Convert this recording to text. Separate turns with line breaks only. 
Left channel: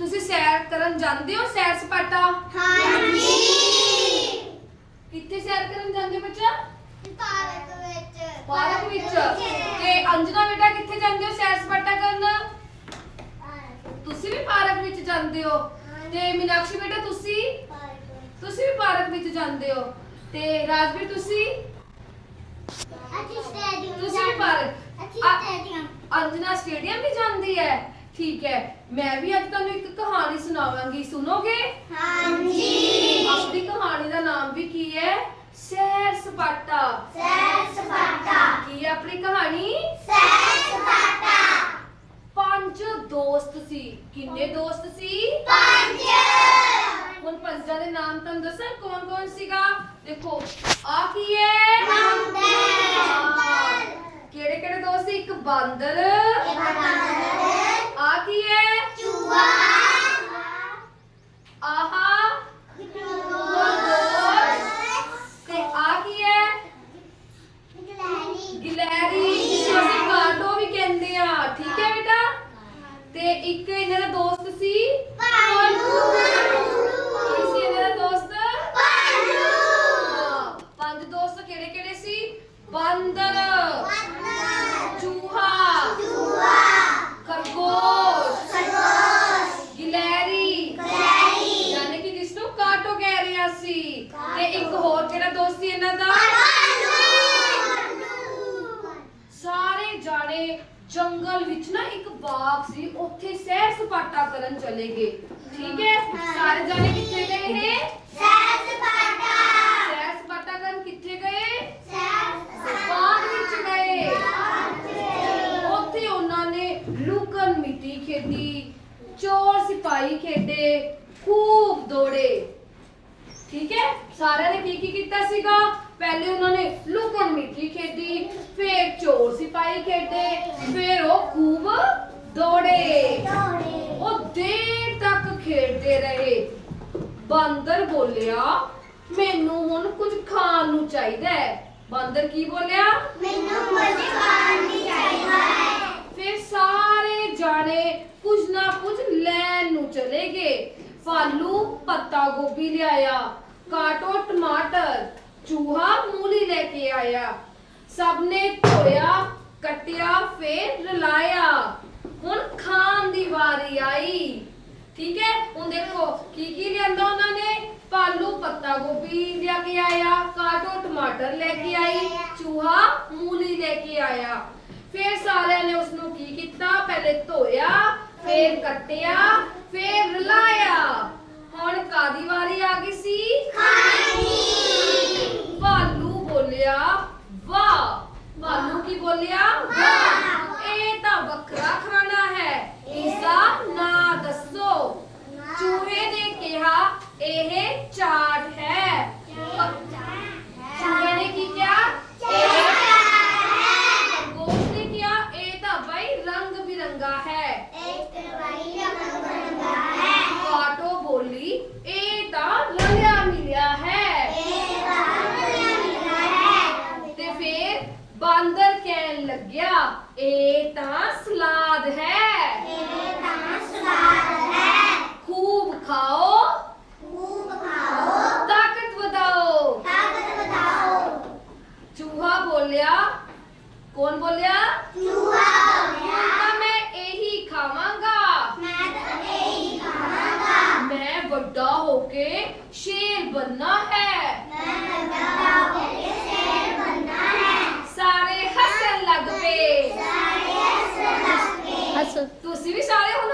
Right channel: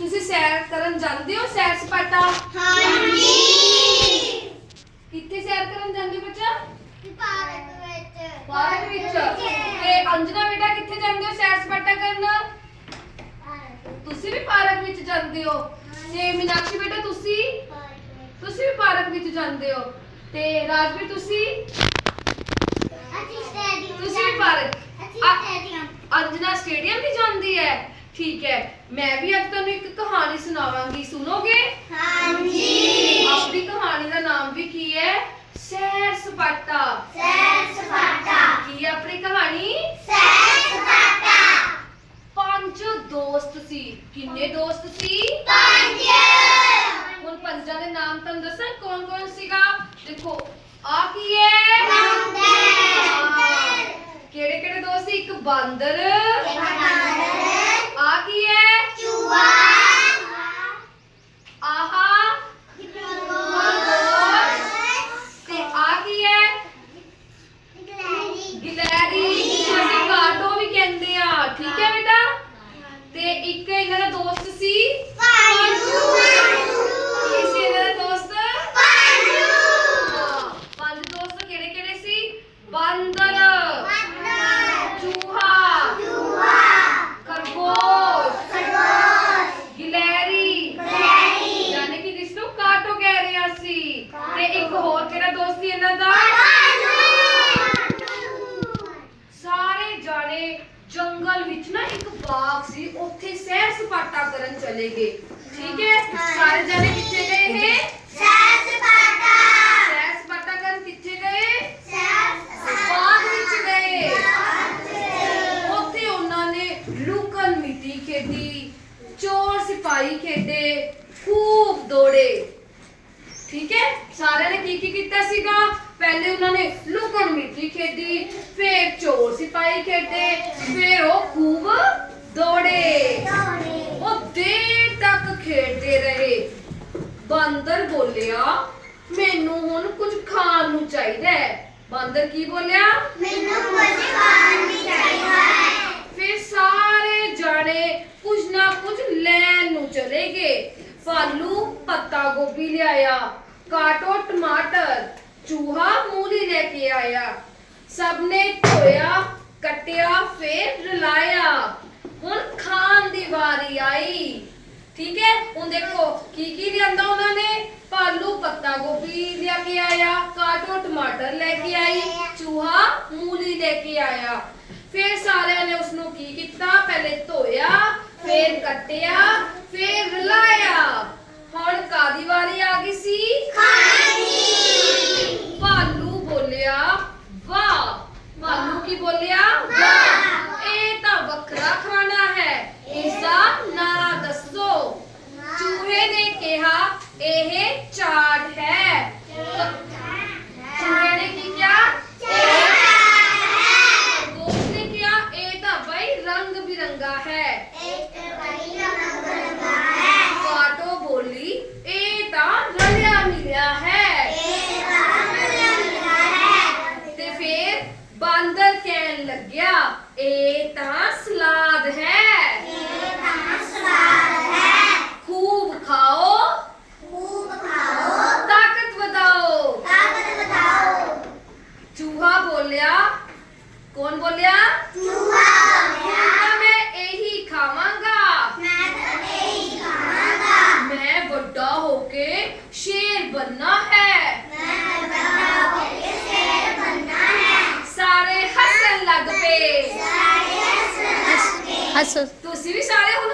ਤੁਸੀਂ ਸੈਰ ਕਰਨ ਜਾਂਦੇ ਹੋ? ਸੈਰ ਸਪਾਟਾ?
ਹਾਂਜੀ।
ਕਿੱਥੇ ਸੈਰ ਕਰਨ ਜਾਂਦੇ ਹੋ ਬੱਚਾ?
ਪਾਰਕ ਵਿੱਚ।
ਪਾਰਕ ਵਿੱਚ। ਤੇ ਅੰਜਨਾ ਬੇਟਾ ਕਿੱਥੇ ਜਾਂਦੇ ਹੋ ਸੈਰ ਸਪਾਟਾ ਕਰਨ? ਤੁਸੀਂ ਵੀ ਪਾਰਕ ਵਿੱਚ ਜਾਂਦੇ ਹੋ। ਤੇ ਮੀਨਾਕਸ਼ੀ ਬੇਟਾ ਤੁਸੀਂ? ਤੁਸੀਂ ਵੀ ਪਾਰਕ ਵਿੱਚ ਜਾਂਦੇ ਹੋ। ਤੇ ਰਾਜਵੀਰ ਤੁਸੀਂ?
ਅਸੀਂ ਸਟੇਡੀਅਮ
ਤੁਸੀਂ ਵੀ ਪਾਰਕ।
ਅਸੀਂ ਸਟੇਡੀਅਮ
ਅੰਜਨਾ ਸਟੇਡੀਅਮ ਵੀ ਜਾਂਦੀ ਹੈ। ਠੀਕ ਹੈ ਮੈਂ ਵੀ ਅੱਜ ਤੁਹਾਨੂੰ ਇੱਕ ਕਹਾਣੀ ਸੁਣਾਵਾਂਗੀ ਸੁਣੋਗੇ?
ਹਾਂਜੀ।
ਆਪਣੀ ਕਹਾਣੀ ਦਾ ਨਾਮ ਵੀ ਕੀ ਹੈ? ਸੈਰ ਸਪਾਟਾ।
ਸੈਰ ਸਪਾਟਾ।
ਕੀ ਹੈ ਆਪਣੀ ਕਹਾਣੀ?
ਸੈਰ ਸਪਾਟਾ।
ਪੰਜ ਦੋਸਤ ਸੀ। ਕਿੰਨੇ ਦੋਸਤ ਸੀ?
ਪੰਜ।
ਹੁਣ ਪੰਜਾਂ ਦੇ ਨਾਮ ਤੁਹਾਨੂੰ ਦੱਸਾਂ ਕੌਣ ਕੌਣ ਸੀਗਾ? ਦੇਖੋ ਆ ਕੀ ਹੈ?
ਬਾਂਦਰ।
ਕਿਹੜੇ ਕਿਹੜੇ ਦੋਸਤ ਸੀ? ਇੱਕ ਬਾਂਦਰ ਆ ਕੀ ਹੈ
ਚੂਹਾ
ਆਹਾ ਤੇ ਆ ਕੀ ਹੈ ਗਿਲੈਰੀ ਜਿਸਨੂੰ ਅਸੀਂ ਕਾਟੋ ਵੀ ਕਹਿੰਦੇ ਆ ਠੀਕ ਹੈ ਬੇਟਾ ਤੇ ਇੱਕ ਇਹਨਾਂ ਦਾ ਦੋਸਤ ਸੀ ਕੀ ਸੀ ਇਹਨਾਂ ਦਾ ਦੋਸਤ ਹਾਂ, ਪੰਜ ਦੋਸਤ ਕਿਹੜੇ ਕਿਹੜੇ ਸੀ ਬਾਂਦਰ ਚੂਹਾ ਖਰਗੋਸ਼ ਗਿਲੈਰੀ ਯਾਨੀ ਕਿ ਜਿਸ ਨੂੰ ਕਾਟੋ ਕਹਿ ਰਿਹਾ ਸੀ ਤੇ ਇੱਕ ਹੋਰ ਕਿਹੜਾ ਦੋਸਤ ਸੀ ਇਹਨਾਂ ਦਾ ਸਾਰੇ ਜਾਣੇ ਜੰਗਲ ਵਿੱਚ ਨਾ ਇੱਕ ਬਾਗ ਸੀ ਉੱਥੇ ਸੈਰ ਸਪਾਟਾ ਕਰਨ ਚਲੇ ਗਏ। ਠੀਕ ਹੈ? ਸਾਰੇ ਜਾਣੇ ਕਿੱਥੇ ਗਏ ਇਹ? ਸੈਰ ਸਪਾਟਾ। ਕਰਨ ਕਿੱਥੇ ਗਏ? ਬਾਗ ਵਿੱਚ ਗਏ। ਉੱਥੇ ਉਹਨਾਂ ਨੇ ਲੁਕਣ ਮਿੱਟੀ ਖੇਡੀ ਚੋਰ ਸਿਪਾਹੀ ਖੇਡੇ ਖੂਬ ਦੌੜੇ। ਠੀਕ ਹੈ? ਸਾਰਿਆਂ ਨੇ ਕੀ ਕੀ ਕੀਤਾ ਸੀਗਾ? ਪਹਿਲੇ ਉਹਨਾਂ ਨੇ ਲੁਕਣ ਮਿੱਟੀ ਖੇਡੀ ਫਿਰ ਚੋਰ ਸਿਪਾਹੀ ਖੇਡੇ ਫਿਰ ਉਹ ਖੂਬ ਦੌੜੇ ਉਹ ਦੇਰ ਤੱਕ ਖੇਡਦੇ ਰਹੇ ਬਾਂਦਰ ਬੋਲਿਆ ਮੈਨੂੰ ਹੁਣ ਕੁਝ ਖਾਣ ਨੂੰ ਚਾਹੀਦਾ ਹੈ ਬਾਂਦਰ ਕੀ ਬੋਲਿਆ
ਮੈਨੂੰ ਕੁਝ ਖਾਣ ਨਹੀਂ ਚਾਹੀਦਾ ਹੈ
ਫਿਰ ਸਾਰੇ ਜਾਣੇ ਕੁਝ ਨਾ ਕੁਝ ਲੈਣ ਨੂੰ ਚਲੇ ਗਏ ਫਾਲੂ ਪੱਤਾ ਗੋਭੀ ਲਿਆਇਆ ਕਾਟੋ ਟਮਾਟਰ ਚੂਹਾ ਮੂਲੀ ਲੈ ਕੇ ਆਇਆ। ਸਭ ਨੇ ਧੋਇਆ, ਕੱਟਿਆ, ਫੇਰ ਰਲਾਇਆ। ਹੁਣ ਖਾਣ ਦੀ ਵਾਰੀ ਆਈ। ਠੀਕ ਹੈ? ਹੁਣ ਦੇਖੋ, ਕੀ ਕੀ ਲਿਆਂਦਾ ਉਹਨਾਂ ਨੇ? ਪਾਲੂ ਪੱਤਾ ਗੋਭੀ ਲਿਆ ਕੇ ਆਇਆ, ਕਾਟੋ ਟਮਾਟਰ ਲੈ ਕੇ ਆਈ, ਚੂਹਾ ਮੂਲੀ ਲੈ ਕੇ ਆਇਆ। ਫਿਰ ਸਾਰਿਆਂ ਨੇ ਉਸ ਨੂੰ ਕੀ ਕੀਤਾ? ਪਹਿਲੇ ਧੋਇਆ, ਫੇਰ ਕੱਟਿਆ, ਫੇਰ ਰਲਾਇਆ। ਹੁਣ ਕਾਦੀ ਵਾਰੀ ਆ ਗਈ ਸੀ ਭਾਲੂ ਬੋਲਿਆ ਵਾਹ ਭਾਲੂ ਕੀ ਬੋਲਿਆ ਵਾਹ ਇਹ ਤਾਂ ਵੱਖਰਾ ਖਾਣਾ ਹੈ ਇਸ ਦਾ ਨਾਂ ਦੱਸੋ ਚੂਹੇ ਨੇ ਕਿਹਾ ਇਹ ਚਾਟ ਹੈ ਚੂਹੇ ਨੇ ਕੀ ਕਿਹਾ ਦੋਸਤ ਨੇ ਕਿਹਾ ਇਹ ਤਾਂ ਬਈ ਰੰਗ ਬਿਰੰਗਾ ਹੈ ਕਾਟੋ ਬੋਲੀ ਇਹ ਤਾਂ ਰਲਿਆ ਮਿਲਿਆ ਹੈ ਤੇ ਫਿਰ ਬਾਂਦਰ ਕਹਿਣ ਲੱਗਿਆ ਇਹ ਤਾਂ ਸਲਾਦ ਹੈ ਖੂਬ ਖਾਓ ਤਾਕਤ ਵਧਾਓ ਚੂਹਾ ਬੋਲਿਆ ਕੌਣ ਬੋਲਿਆ ਤਾਂ ਮੈਂ ਇਹੀ ਖਾਵਾਂਗਾ ਮੈਂ ਵੱਡਾ ਹੋ ਕੇ ਸ਼ੇਰ ਬੰਨਾ ਹੈ ਸਾਰੇ ਲੱਗ ਪਏ।
ਹੱਸੋ
ਤੁਸੀਂ ਵੀ ਸਾਰੇ ਹੁਣ